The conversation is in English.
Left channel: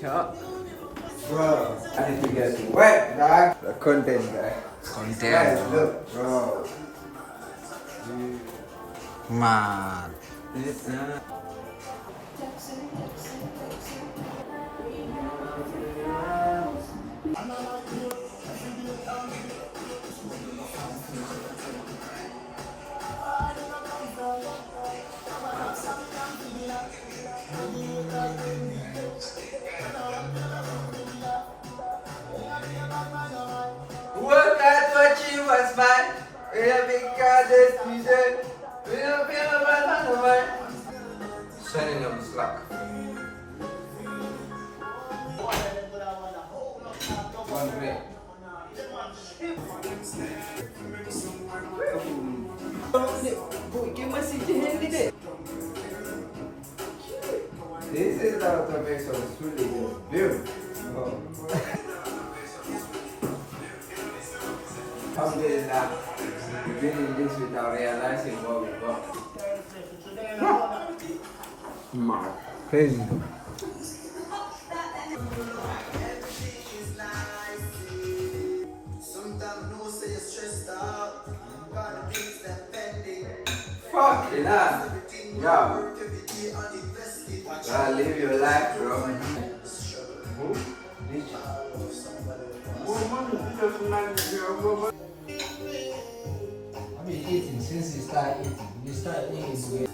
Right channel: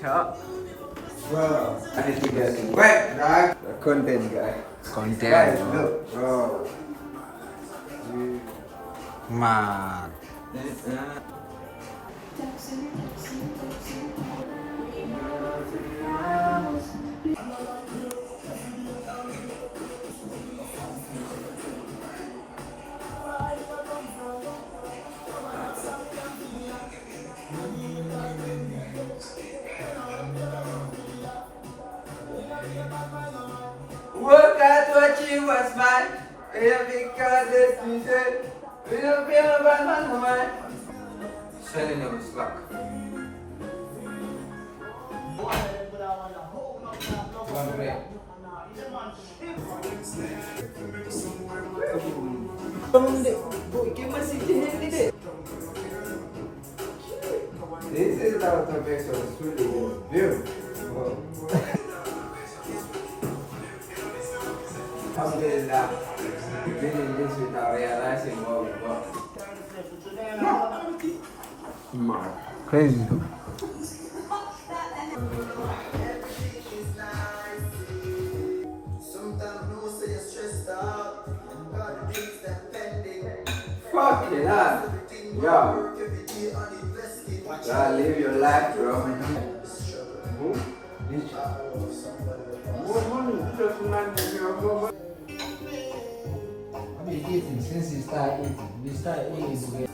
Sure. Bro, I need to get some wet, dog. The content guy. Content, Guys, bro. look, bro. Man. Work hard to achieve what's mine. We have big cars, music. We don't feel about my man. Sending you UNSTUCK. One great. This is out of base of Sullyy. Beautiful. Alhamdulillah, doing this without realizing what we got. Man. Crazy though. Fucking hell. Yo. Gotta live your life, bro. I've been eating since you started eating. You start eating together.